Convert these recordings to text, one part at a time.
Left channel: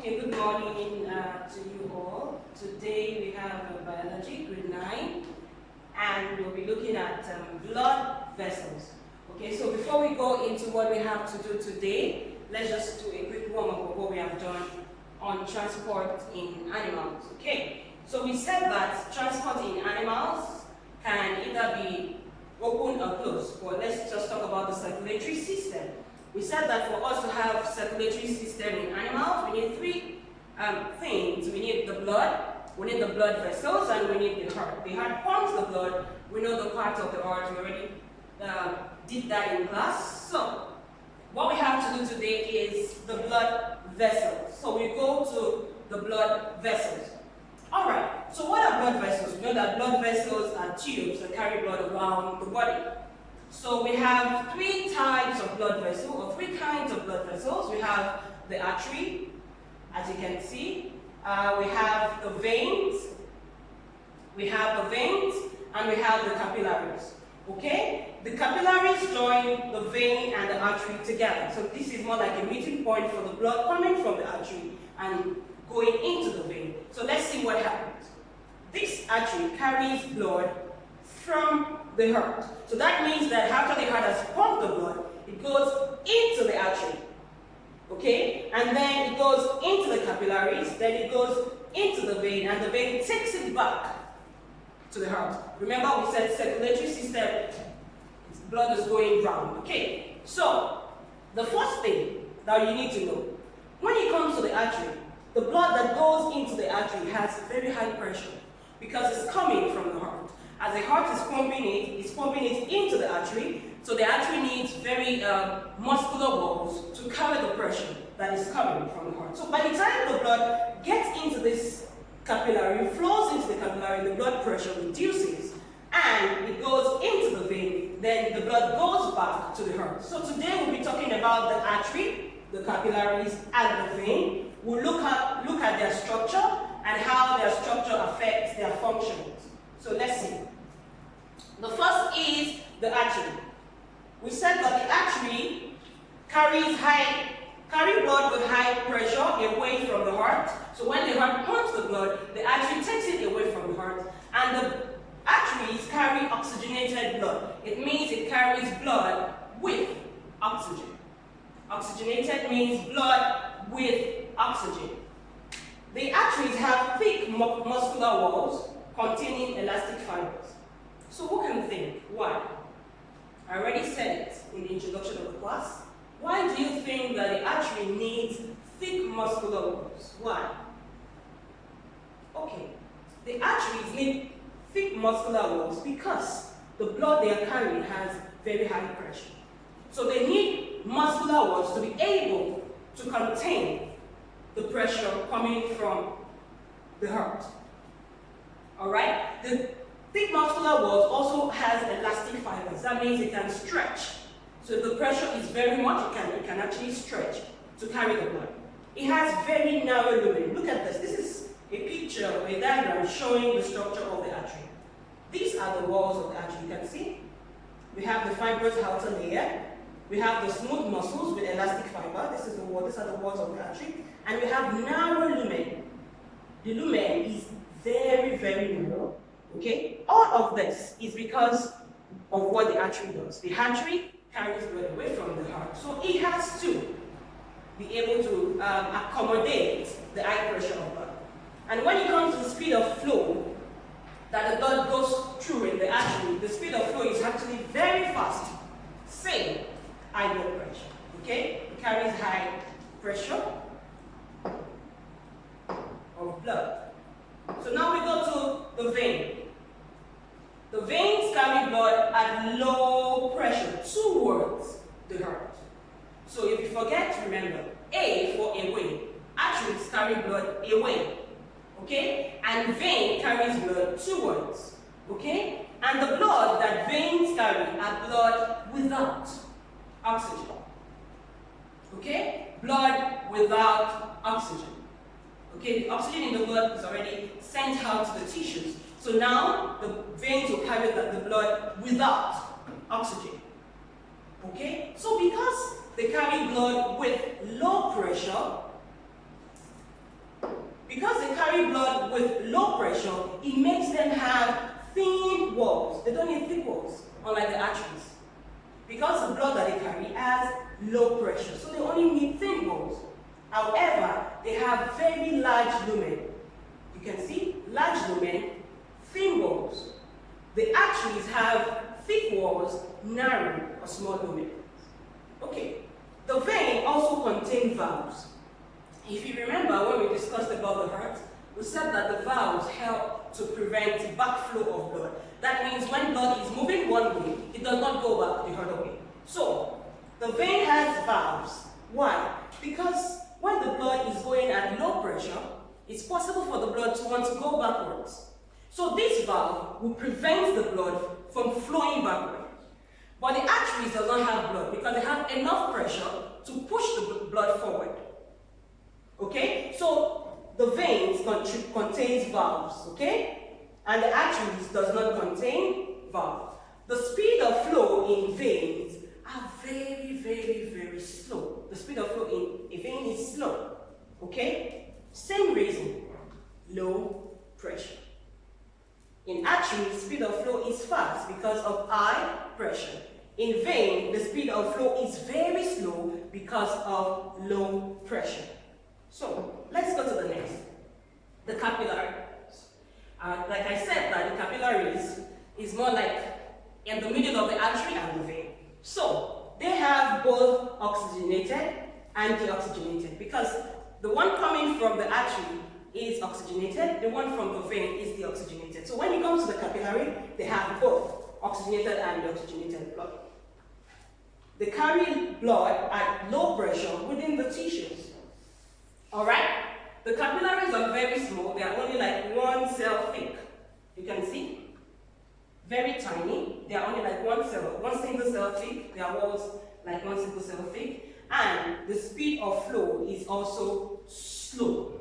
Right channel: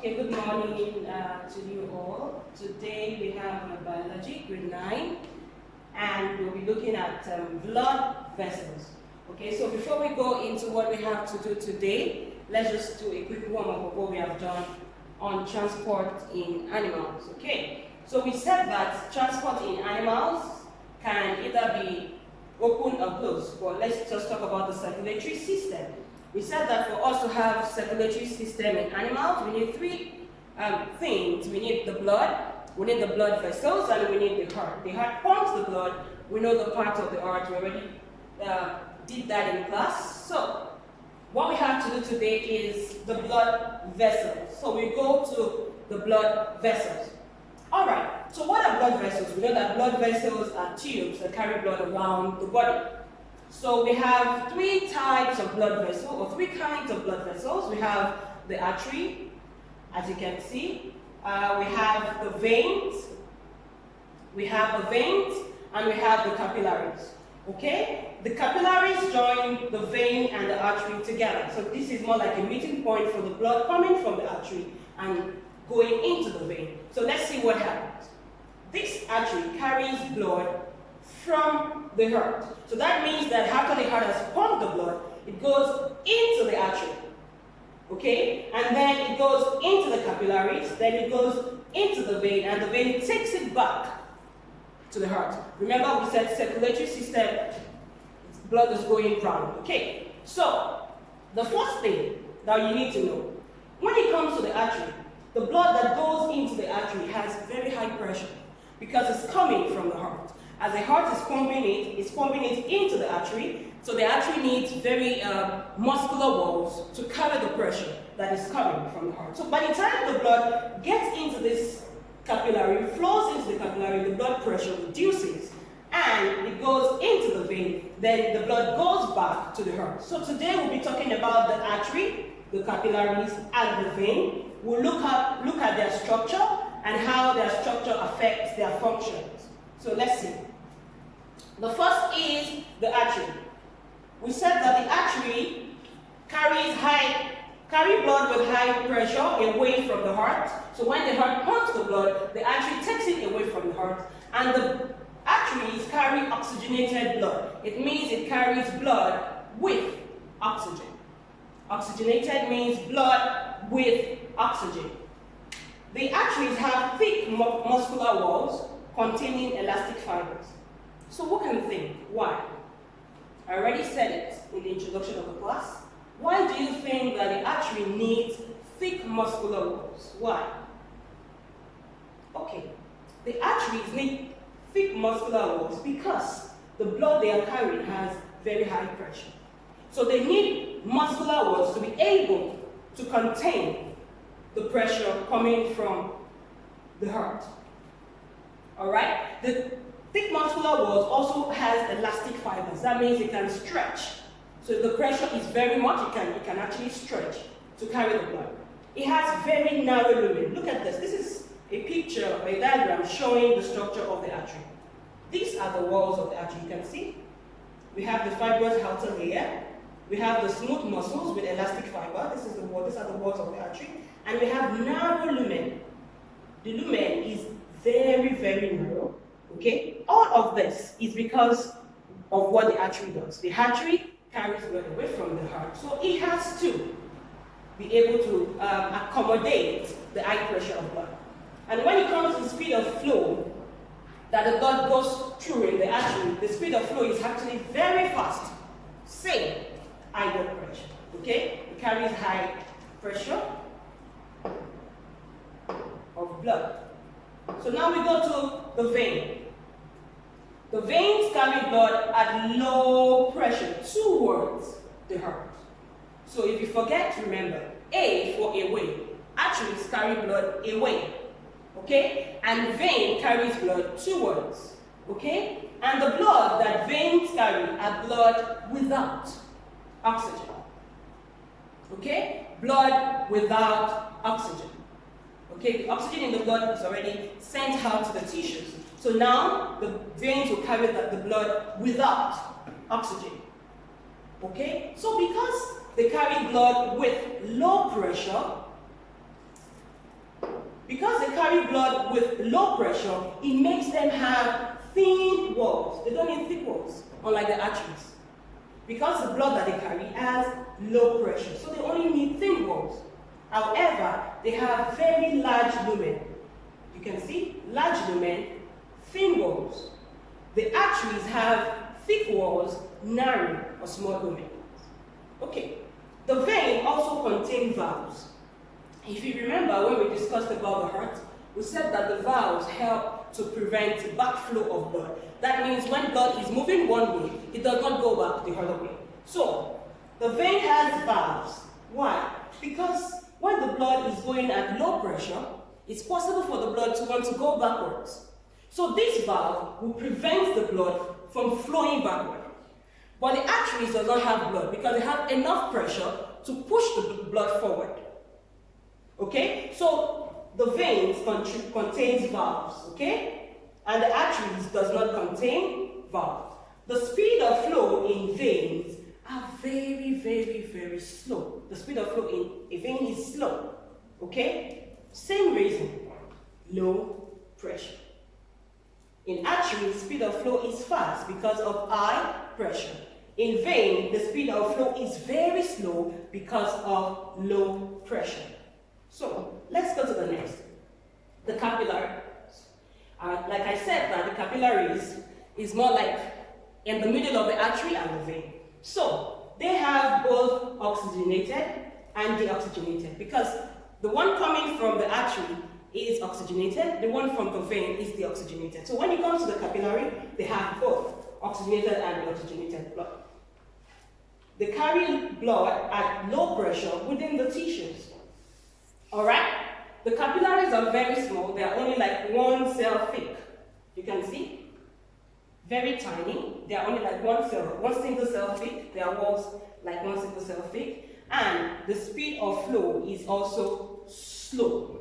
Okay, good morning to you all. Today we have biology, grade 9, and we'll be looking at blood vessels. Okay, so before we go into what we have to do today, let's just do a quick warm-up of what we have done on transport in animals. Okay, so we said that transport in animals can either be open or closed, but let's just talk about the circulatory system. We said that for us to have circulatory system in animals, we need three things. We need the blood, we need the blood vessels, and we need the heart. The heart pumps the blood. We know the part of the heart. We already did that in class. So what we have to do today is the blood vessels. So we go to the blood vessels. All right, so what are blood vessels? We know that blood vessels are tubes that carry blood around the body. So we have three types of blood vessels, or three kinds of blood vessels. We have the artery, as you can see. We have the veins. We have the veins, and we have the capillaries. Okay? The capillaries join the vein and the artery together. So this is more like a meeting point for the blood coming from the artery and going into the vein. So let's see what happens. This artery carries blood from the heart. So that means that after the heart has pumped the blood, it goes into the artery. Okay? And then it goes into the capillaries, then it goes into the vein, and the vein takes it back to the heart. Remember we said circulatory system, blood is going round. Okay? So, the first thing that you need to know, when it comes to the artery, the blood that goes into the artery has very high pressure because it's coming from the heart. As the heart is pumping it's pumping it into the artery, so the artery needs very muscular walls to carry the pressure that is coming from the heart. So by the time the blood gets into this capillary, flows into the capillary, the blood pressure reduces and it goes into the vein, then the blood goes back to the heart. So today we'll be talking about the artery, the capillaries, and the vein. We'll look at their structure and how their structure affects their functions. So let's see. The first is the artery. We said that the artery carry blood with high pressure away from the heart. So when the heart pumps the blood, the artery takes it away from the heart. And the arteries carry oxygenated blood. It means it carries blood with oxygen. Oxygenated means blood with oxygen. The arteries have thick muscular walls containing elastic fibers. So who can think? Why? I already said it in the introduction of the class. Why do you think that the artery needs thick muscular walls? Why? Okay, the arteries need thick muscular walls because the blood they are carrying has very high pressure. So they need muscular walls to be able to contain the pressure coming from the heart. Alright? The thick muscular walls also has elastic fibers. That means it can stretch. So if the pressure is very much, it can actually stretch to carry the blood. It has very narrow lumen. Look at this. This is a picture, a diagram showing the structure of the artery. These are the walls of the artery. You can see. We have the fibrous outer layer. We have the smooth muscles with elastic fiber. This is the wall. These are the walls of the artery. And we have narrow lumen. The lumen is very, very narrow. Okay? All of this is because of what the artery does. The artery carries blood away from the heart. So it has to be able to accommodate the high pressure of blood. And when it comes to the speed of flow that the blood goes through in the artery, the speed of flow is actually very fast. Same high blood pressure. Okay? It carries high pressure of blood. So now we go to the vein. The veins carry blood at low pressure towards the heart. So if you forget, remember, A for away. Arteries carry blood away. Okay? And vein carries blood towards. Okay? And the blood that veins carry are blood without oxygen. Okay? Blood without oxygen. Okay, the oxygen in the blood is already sent out to the tissues. So now the veins will carry the blood without oxygen. Okay? So because they carry blood with low pressure, because they carry blood with low pressure, it makes them have thin walls. They don't need thick walls, unlike the arteries. Because the blood that they carry has low pressure, so they only need thin walls. However, they have very large lumen. You can see, large lumen, thin walls. The arteries have thick walls, narrow or small lumen. Okay, the vein also contains valves. If you remember when we discussed about the heart, we said that the valves help to prevent backflow of blood. That means when blood is moving one way, it does not go back the other way. So, the vein has valves. Why? Because when the blood is going at low pressure, it's possible for the blood to want to go backwards. So this valve will prevent the blood from flowing backward. But the arteries does not have blood because they have enough pressure to push the blood forward. Okay? So the veins contains valves, okay? And the arteries does not contain valves. The speed of flow in veins are very, very, very slow. The speed of flow in a vein is slow, okay? Same reason, low pressure. In arteries, speed of flow is fast because of high pressure. In vein, the speed of flow is very slow because of low pressure. So, let's go to the next. The capillaries. Like I said, that the capillaries is more like in the middle of the artery and the vein. So, they have both oxygenated and deoxygenated because the one coming from the artery is oxygenated, the one from the vein is deoxygenated. So when it comes to the capillary, they have both oxygenated and deoxygenated blood. They carry blood at low pressure within the tissues. Alright? The capillaries are very small, they are only like one cell thick. You can see? Very tiny. They are only like one single cell thick. Their walls like one single cell thick. And the speed of flow is also slow.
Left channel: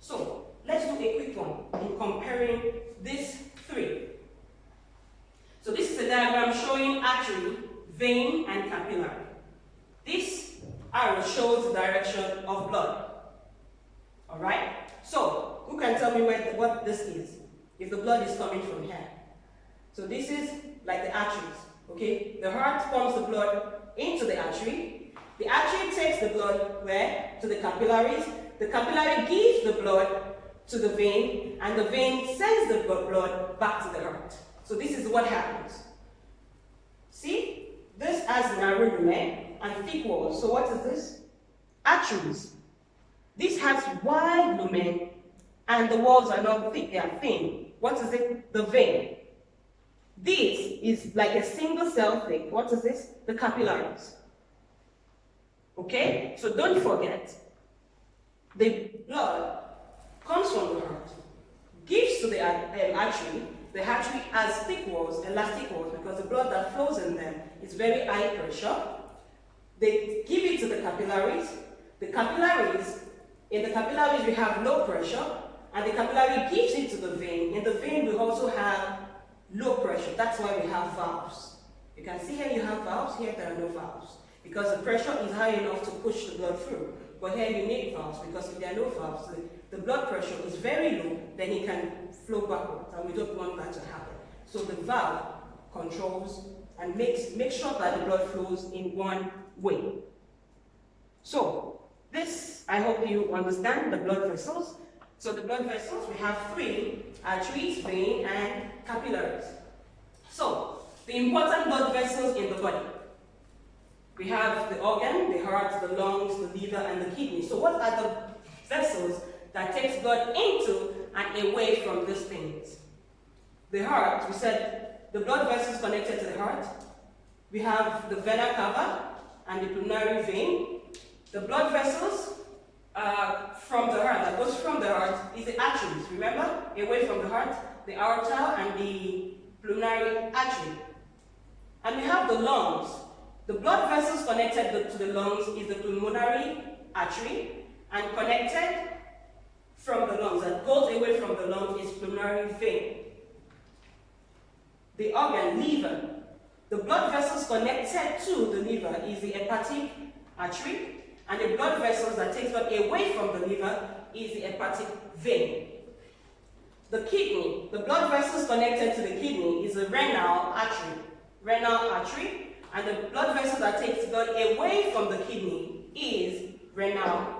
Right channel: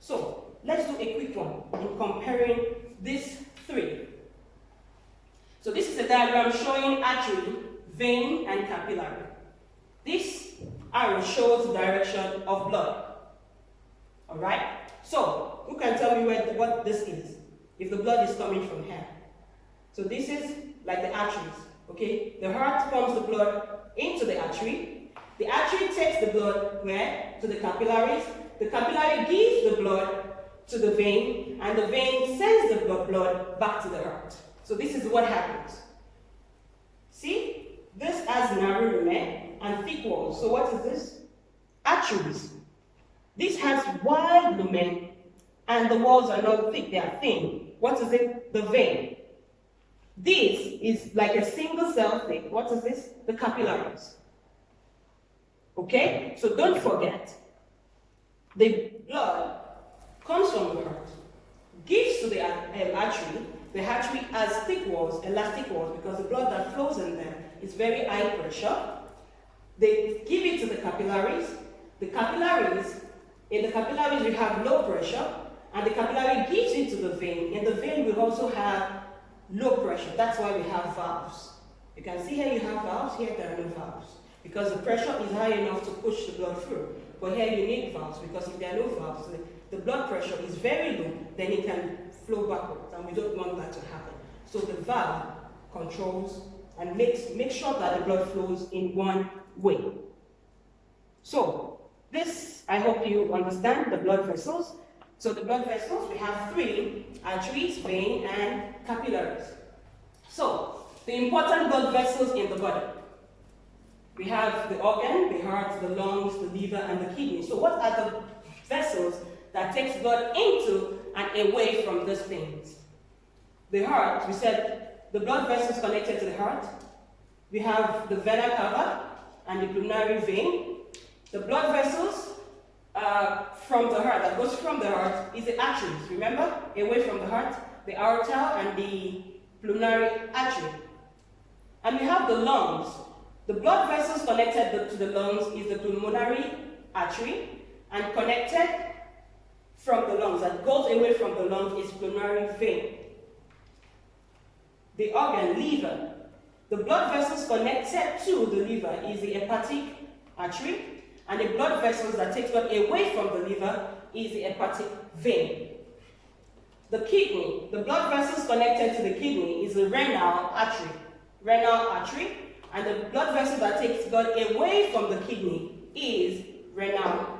So, let's do a quick one in comparing these three. So this is a diagram showing artery, vein, and capillary. This arrow shows the direction of blood. Alright? So, who can tell me what this is? If the blood is coming from here. So this is like the arteries, okay? The heart pumps the blood into the artery. The artery takes the blood where? To the capillaries. The capillary gives the blood to the vein, and the vein sends the blood back to the heart. So this is what happens. See? This has narrow lumen and thick walls. So what is this? Arteries. This has wide lumen, and the walls are not thick, they are thin. What is it? The vein. This is like a single cell thick. What is this? The capillaries. Okay? So don't forget. The blood comes from the heart, gives to the artery. The artery has thick walls, elastic walls, because the blood that flows in them is very high pressure. They give it to the capillaries. The capillaries, in the capillaries we have low pressure, and the capillary gives it to the vein. In the vein we also have low pressure. That's why we have valves. You can see here you have valves, here there are no valves. Because the pressure is high enough to push the blood through. But here you need valves, because if there are no valves, the blood pressure is very low, then it can flow backwards, and we don't want that to happen. So the valve controls and makes sure that the blood flows in one way. So, this, I hope you understand the blood vessels. So the blood vessels, we have three: arteries, vein, and capillaries. So, the important blood vessels in the body. We have the organ, the heart, the lungs, the liver, and the kidney. So what are the vessels that takes blood into and away from these things? The heart, we said the blood vessels connected to the heart. We have the vena cava and the pulmonary vein. The blood vessels from the heart, that goes from the heart, is the arteries. Remember? Away from the heart, the aorta and the pulmonary artery. And we have the lungs. The blood vessels connected to the lungs is the pulmonary artery, and connected from the lungs, that goes away from the lungs, is pulmonary vein. The organ, liver. The blood vessels connected to the liver is the hepatic artery, and the blood vessels that takes blood away from the liver is the hepatic vein. The kidney, the blood vessels connected to the kidney is the renal artery, and the blood vessel that takes blood away from the kidney is renal